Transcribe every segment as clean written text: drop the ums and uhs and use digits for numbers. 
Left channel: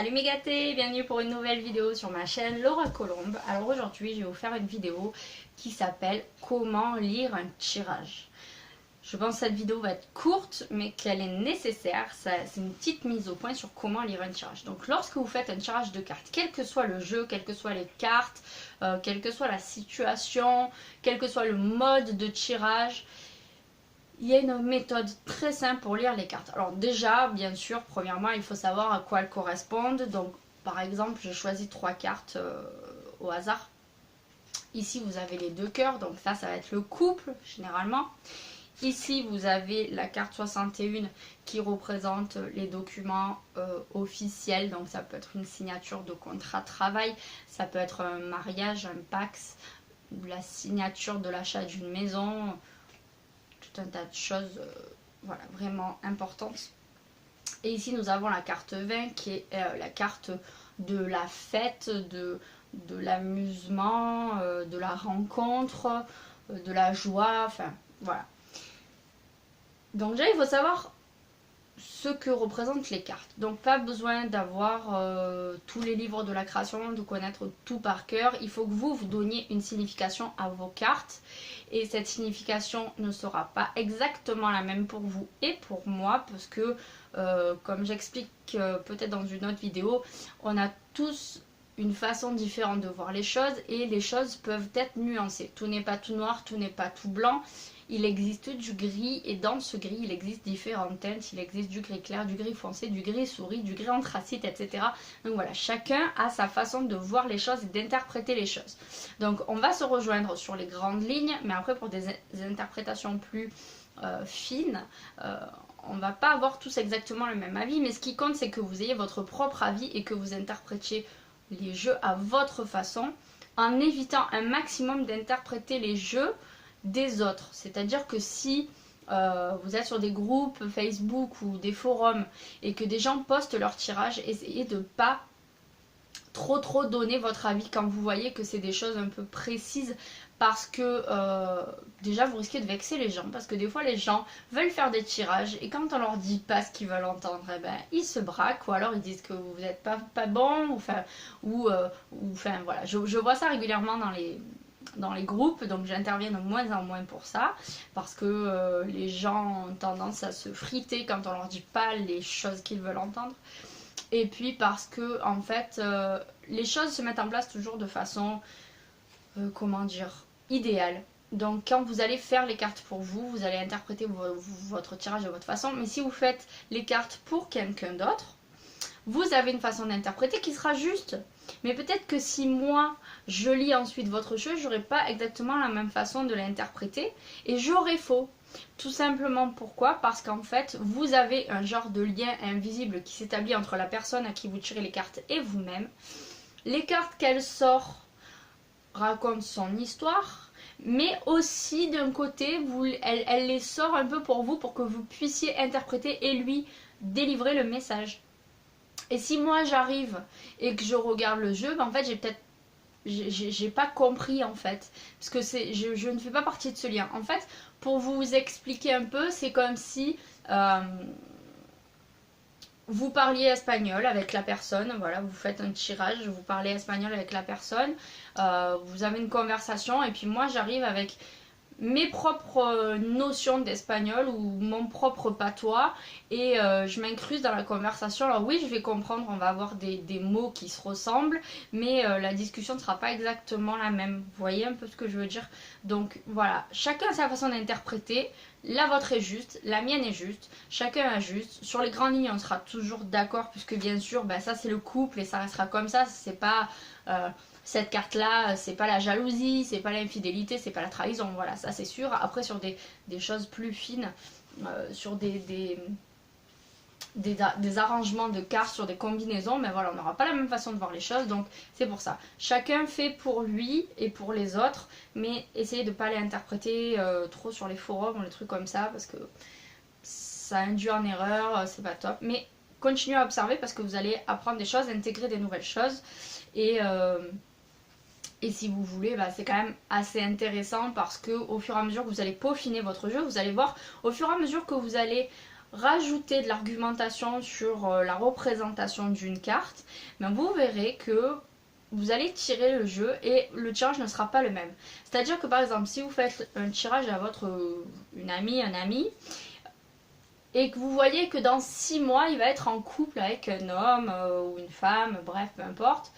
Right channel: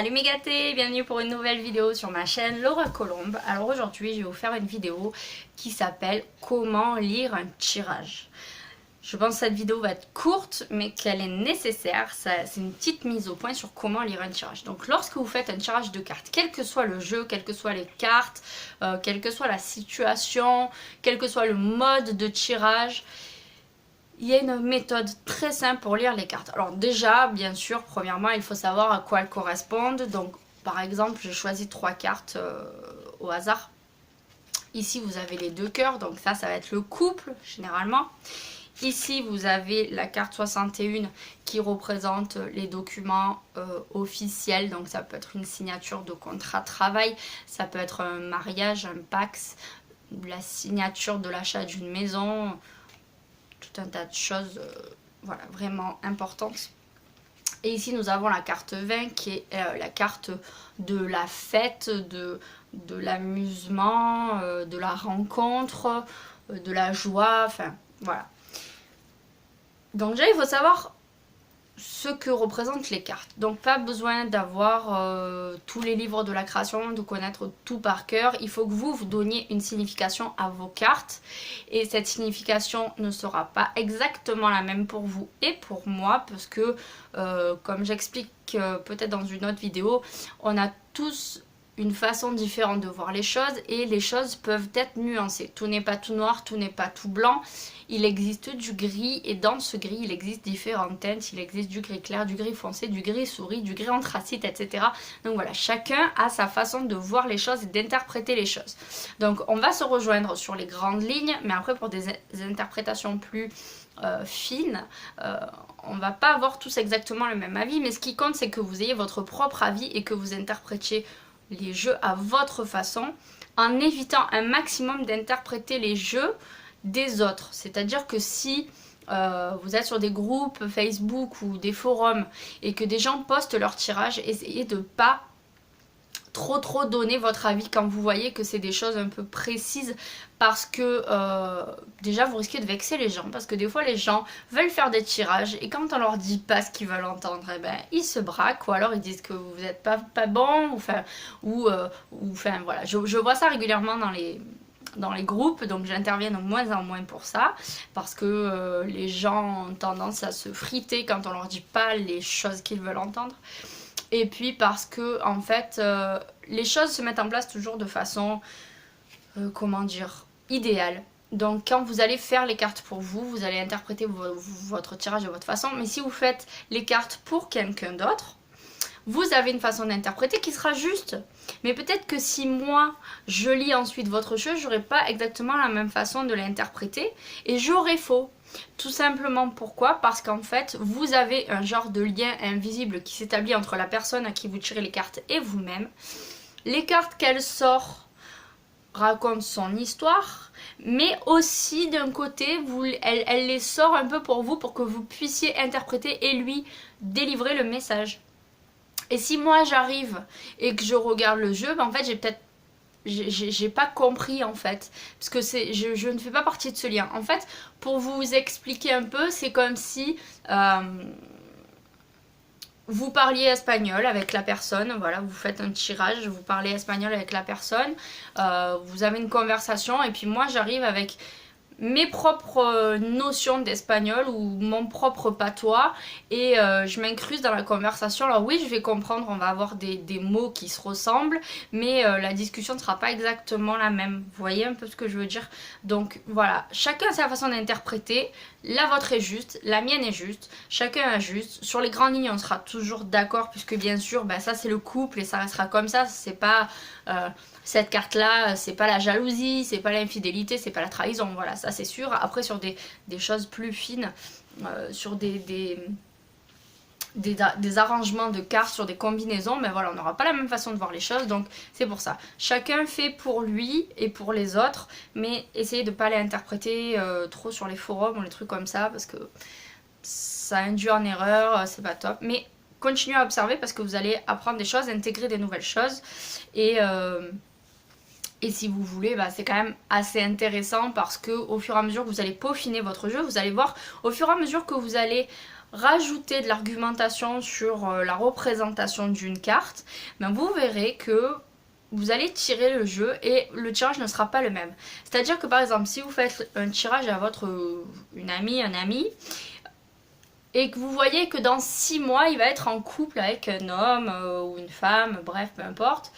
Salut mes gâtés, bienvenue pour une nouvelle vidéo sur ma chaîne Laura Colombe. Alors aujourd'hui je vais vous faire une vidéo qui s'appelle comment lire un tirage. Je pense que cette vidéo va être courte mais qu'elle est nécessaire. C'est une petite mise au point sur comment lire un tirage. Donc lorsque vous faites un tirage de cartes, quel que soit le jeu, quelles que soient les cartes, quelle que soit la situation, quel que soit le mode de tirage, il y a une méthode très simple pour lire les cartes. Alors déjà, bien sûr, premièrement, il faut savoir à quoi elles correspondent. Donc, par exemple, j'ai choisi 3 cartes au hasard. Ici, vous avez les 2 cœurs, donc ça va être le couple, généralement. Ici, vous avez la carte 61 qui représente les documents officiels. Donc, ça peut être une signature de contrat de travail, ça peut être un mariage, un Pacs, la signature de l'achat d'une maison, tout un tas de choses voilà, vraiment importantes. Et ici nous avons la carte 20 qui est la carte de la fête, de l'amusement, de la rencontre, de la joie, enfin voilà. Donc déjà il faut savoir ce que représentent les cartes. Donc pas besoin d'avoir tous les livres de la création, de connaître tout par cœur. Il faut que vous donniez une signification à vos cartes. Et cette signification ne sera pas exactement la même pour vous et pour moi. Parce que, comme j'explique peut-être dans une autre vidéo, on a tous une façon différente de voir les choses. Et les choses peuvent être nuancées. Tout n'est pas tout noir, tout n'est pas tout blanc. Il existe du gris et dans ce gris il existe différentes teintes, il existe du gris clair, du gris foncé, du gris souris, du gris anthracite, etc. Donc voilà, chacun a sa façon de voir les choses et d'interpréter les choses. Donc on va se rejoindre sur les grandes lignes, mais après pour des interprétations plus fines, on va pas avoir tous exactement le même avis, mais ce qui compte c'est que vous ayez votre propre avis et que vous interprétiez les jeux à votre façon, en évitant un maximum d'interpréter les jeux des autres. C'est-à-dire que si vous êtes sur des groupes Facebook ou des forums et que des gens postent leur tirage, essayez de pas trop donner votre avis quand vous voyez que c'est des choses un peu précises, parce que déjà vous risquez de vexer les gens, parce que des fois les gens veulent faire des tirages et quand on leur dit pas ce qu'ils veulent entendre, eh ben, ils se braquent ou alors ils disent que vous n'êtes pas bon, ou voilà, je vois ça régulièrement dans les groupes, donc j'interviens de moins en moins pour ça, parce que les gens ont tendance à se friter quand on leur dit pas les choses qu'ils veulent entendre, et puis parce que en fait les choses se mettent en place toujours de façon comment dire, idéale. Donc quand vous allez faire les cartes pour vous, vous allez interpréter votre tirage de votre façon, mais si vous faites les cartes pour quelqu'un d'autre, vous avez une façon d'interpréter qui sera juste. Mais peut-être que si moi, je lis ensuite votre jeu, j'aurai pas exactement la même façon de l'interpréter et j'aurai faux. Tout simplement pourquoi? Parce qu'en fait, vous avez un genre de lien invisible qui s'établit entre la personne à qui vous tirez les cartes et vous-même. Les cartes qu'elle sort racontent son histoire, mais aussi d'un côté, elle les sort un peu pour vous, pour que vous puissiez interpréter et lui délivrer le message. Et si moi j'arrive et que je regarde le jeu, ben en fait j'ai pas compris en fait, parce que je ne fais pas partie de ce lien. En fait, pour vous expliquer un peu, c'est comme si vous parliez espagnol avec la personne, voilà, vous faites un tirage, vous parlez espagnol avec la personne, vous avez une conversation et puis moi j'arrive avec mes propres notions d'espagnol ou mon propre patois et je m'incruste dans la conversation. Alors oui, je vais comprendre, on va avoir des mots qui se ressemblent, mais la discussion ne sera pas exactement la même. Vous voyez un peu ce que je veux dire? Donc voilà, chacun a sa façon d'interpréter. La vôtre est juste, la mienne est juste, chacun est juste. Sur les grandes lignes, on sera toujours d'accord, puisque bien sûr, ben, ça c'est le couple et ça restera comme ça. C'est pas cette carte-là, c'est pas la jalousie, c'est pas l'infidélité, c'est pas la trahison. Voilà, ça c'est sûr. Après, sur des choses plus fines, sur des arrangements de cartes, sur des combinaisons, mais voilà, on n'aura pas la même façon de voir les choses, donc c'est pour ça. Chacun fait pour lui et pour les autres, mais essayez de ne pas les interpréter trop sur les forums ou les trucs comme ça, parce que ça induit en erreur, c'est pas top. Mais continuez à observer parce que vous allez apprendre des choses, intégrer des nouvelles choses, et si vous voulez, bah, c'est quand même assez intéressant parce que au fur et à mesure que vous allez peaufiner votre jeu, vous allez voir, au fur et à mesure que vous allez rajouter de l'argumentation sur la représentation d'une carte, ben vous verrez que vous allez tirer le jeu et le tirage ne sera pas le même. C'est-à-dire que par exemple, si vous faites un tirage à une amie, un ami, et que vous voyez que dans 6 mois, il va être en couple avec un homme ou une femme, bref, peu importe,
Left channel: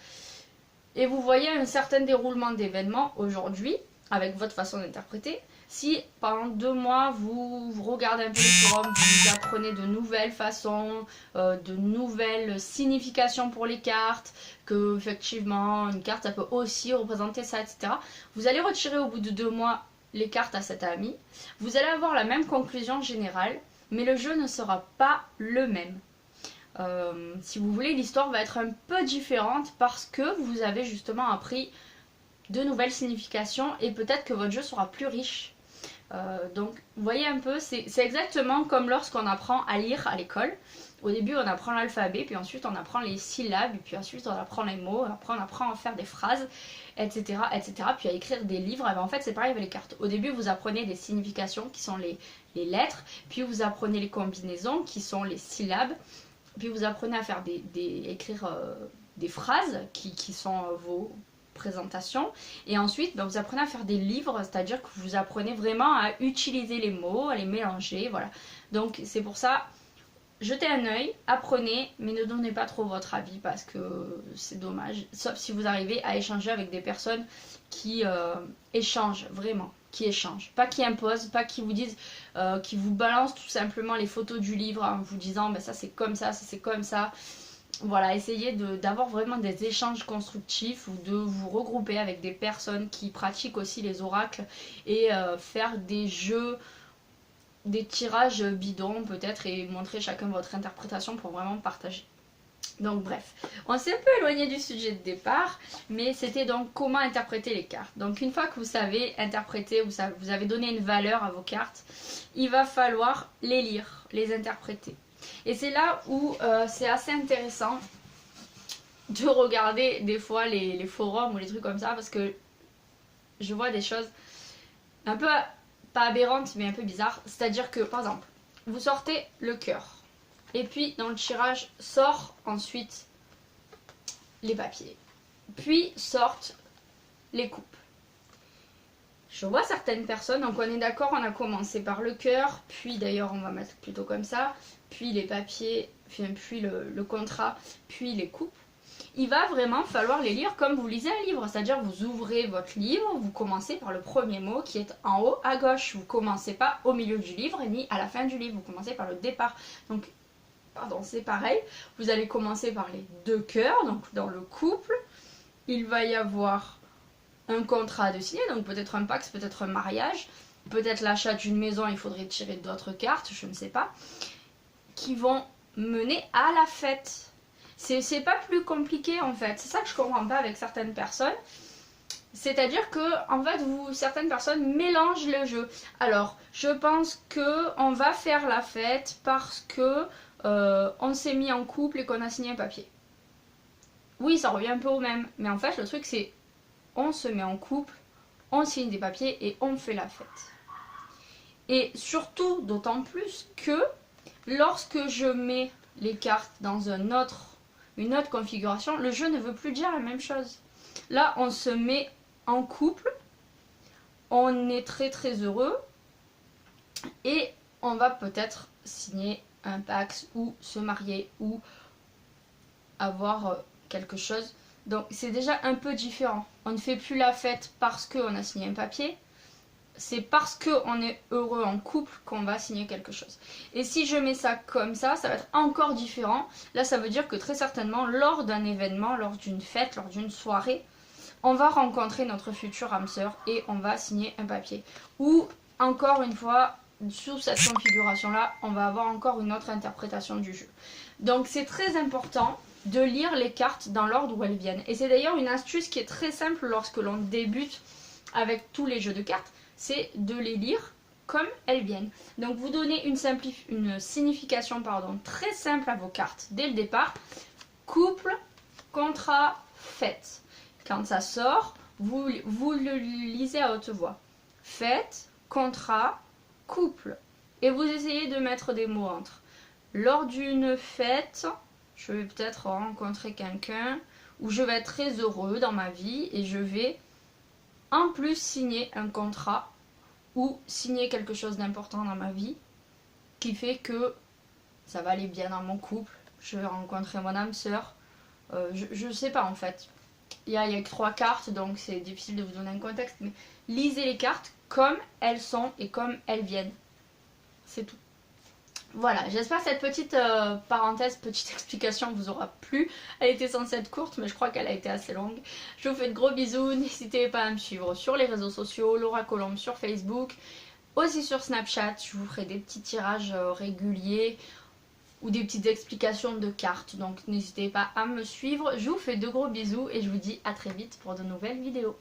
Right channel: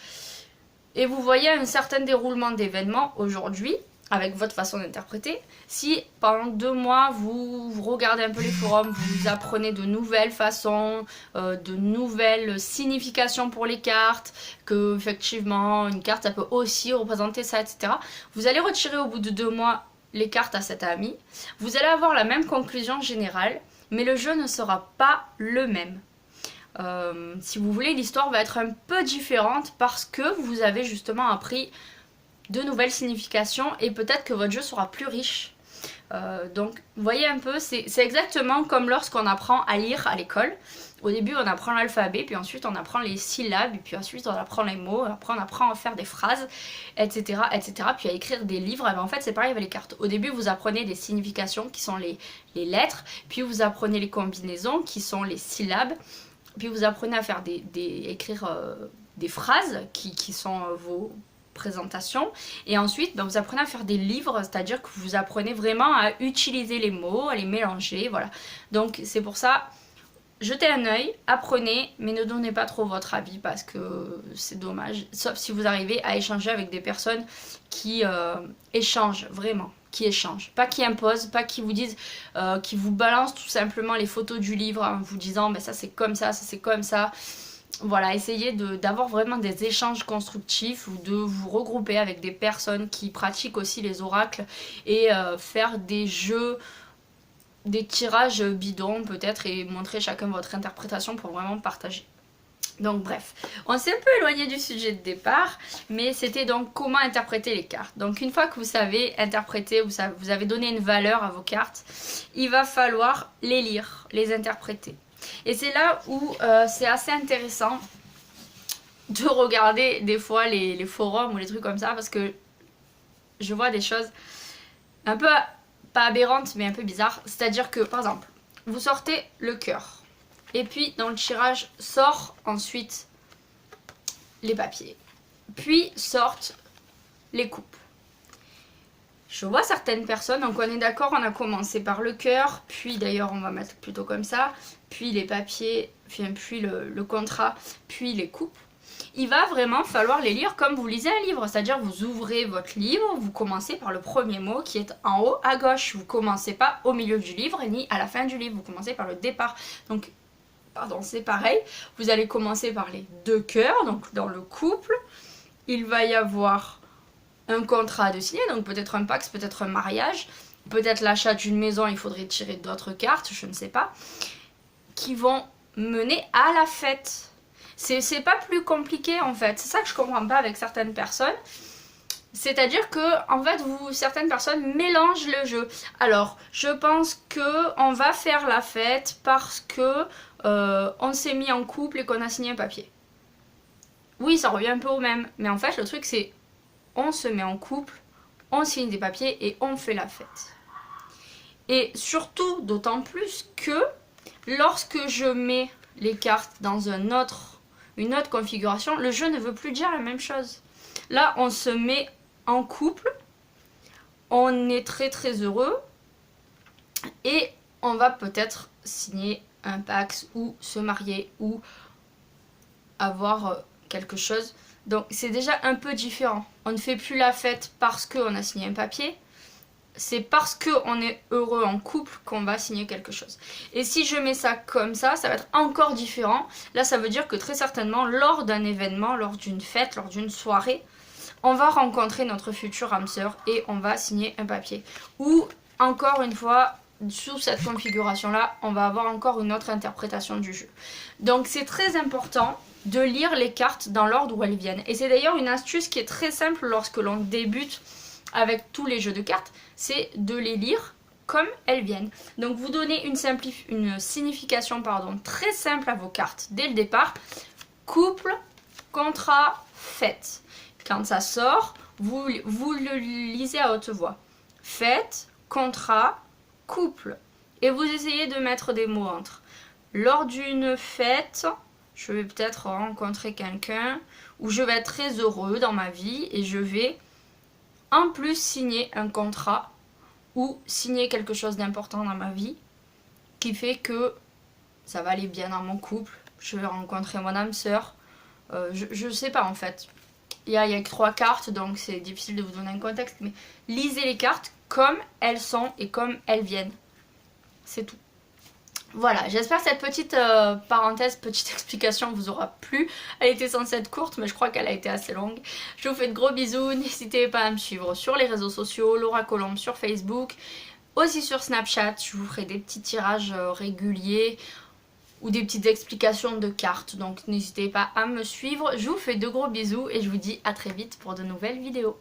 et vous voyez un certain déroulement d'événements aujourd'hui, avec votre façon d'interpréter, si pendant 2 mois, vous regardez un peu les forums, vous apprenez de nouvelles façons, de nouvelles significations pour les cartes, que effectivement une carte, ça peut aussi représenter ça, etc. Vous allez retirer au bout de 2 mois les cartes à cet ami. Vous allez avoir la même conclusion générale, mais le jeu ne sera pas le même. Si vous voulez, l'histoire va être un peu différente parce que vous avez justement appris de nouvelles significations et peut-être que votre jeu sera plus riche. Donc, vous voyez un peu, c'est exactement comme lorsqu'on apprend à lire à l'école. Au début, on apprend l'alphabet, puis ensuite on apprend les syllabes, et puis ensuite on apprend les mots, après on apprend à faire des phrases, etc., etc., puis à écrire des livres. Et bien, en fait, c'est pareil avec les cartes. Au début, vous apprenez des significations qui sont les lettres, puis vous apprenez les combinaisons qui sont les syllabes, puis vous apprenez à faire écrire des phrases qui sont vos présentations. Et ensuite, vous apprenez à faire des livres, c'est-à-dire que vous apprenez vraiment à utiliser les mots, à les mélanger, voilà. Donc c'est pour ça, jetez un œil, apprenez, mais ne donnez pas trop votre avis parce que c'est dommage. Sauf si vous arrivez à échanger avec des personnes qui échangent vraiment. Qui échangent, pas qui imposent, pas qui vous disent, qui vous balancent tout simplement les photos du livre en vous disant ça c'est comme ça c'est comme ça. Voilà, essayez d'avoir vraiment des échanges constructifs ou de vous regrouper avec des personnes qui pratiquent aussi les oracles et faire des jeux, des tirages bidons peut-être et montrer chacun votre interprétation pour vraiment partager. Donc bref, on s'est un peu éloigné du sujet de départ, mais c'était donc comment interpréter les cartes. Donc une fois que vous savez interpréter, vous avez donné une valeur à vos cartes, il va falloir les lire, les interpréter. Et c'est là où c'est assez intéressant de regarder des fois les forums ou les trucs comme ça, parce que je vois des choses un peu, pas aberrantes, mais un peu bizarres. C'est-à-dire que, par exemple, vous sortez le cœur. Et puis, dans le tirage, sort ensuite les papiers. Puis sortent les coupes. Je vois certaines personnes, donc on est d'accord, on a commencé par le cœur, puis d'ailleurs on va mettre plutôt comme ça, puis les papiers, puis le contrat, puis les coupes. Il va vraiment falloir les lire comme vous lisez un livre, c'est-à-dire vous ouvrez votre livre, vous commencez par le premier mot qui est en haut à gauche. Vous ne commencez pas au milieu du livre ni à la fin du livre, vous commencez par le départ. Donc, pardon, c'est pareil, vous allez commencer par les 2 cœurs, donc dans le couple, il va y avoir un contrat de signer, donc peut-être un pacte, peut-être un mariage, peut-être l'achat d'une maison, il faudrait tirer d'autres cartes, je ne sais pas, qui vont mener à la fête. C'est pas plus compliqué en fait, c'est ça que je comprends pas avec certaines personnes. C'est-à-dire que en fait certaines personnes mélangent le jeu. Alors je pense que on va faire la fête parce que on s'est mis en couple et qu'on a signé un papier. Oui, ça revient un peu au même, mais en fait le truc c'est on se met en couple, on signe des papiers et on fait la fête. Et surtout d'autant plus que lorsque je mets les cartes dans une autre configuration, le jeu ne veut plus dire la même chose. Là, on se met en couple, on est très très heureux et on va peut-être signer un pacte ou se marier ou avoir quelque chose. Donc c'est déjà un peu différent. On ne fait plus la fête parce qu'on a signé un papier. C'est parce qu'on est heureux en couple qu'on va signer quelque chose. Et si je mets ça comme ça va être encore différent. Là, ça veut dire que très certainement, lors d'un événement, lors d'une fête, lors d'une soirée, on va rencontrer notre future âme sœur et on va signer un papier. Ou, encore une fois, sous cette configuration-là, on va avoir encore une autre interprétation du jeu. Donc, c'est très important de lire les cartes dans l'ordre où elles viennent. Et c'est d'ailleurs une astuce qui est très simple lorsque l'on débute avec tous les jeux de cartes, c'est de les lire comme elles viennent. Donc vous donnez une signification très simple à vos cartes dès le départ. Couple, contrat, fête. Quand ça sort, vous le lisez à haute voix. Fête, contrat, couple. Et vous essayez de mettre des mots entre. lors d'une fête, je vais peut-être rencontrer quelqu'un où je vais être très heureux dans ma vie et je vais en plus signer un contrat ou signer quelque chose d'important dans ma vie qui fait que ça va aller bien dans mon couple, je vais rencontrer mon âme sœur, je sais pas en fait. Il y a que 3 cartes donc c'est difficile de vous donner un contexte, mais lisez les cartes comme elles sont et comme elles viennent. C'est tout. Voilà, j'espère que cette petite parenthèse, petite explication vous aura plu. Elle était censée être courte, mais je crois qu'elle a été assez longue. Je vous fais de gros bisous. N'hésitez pas à me suivre sur les réseaux sociaux, Laura Colombe sur Facebook, aussi sur Snapchat. Je vous ferai des petits tirages réguliers ou des petites explications de cartes. Donc n'hésitez pas à me suivre. Je vous fais de gros bisous et je vous dis à très vite pour de nouvelles vidéos.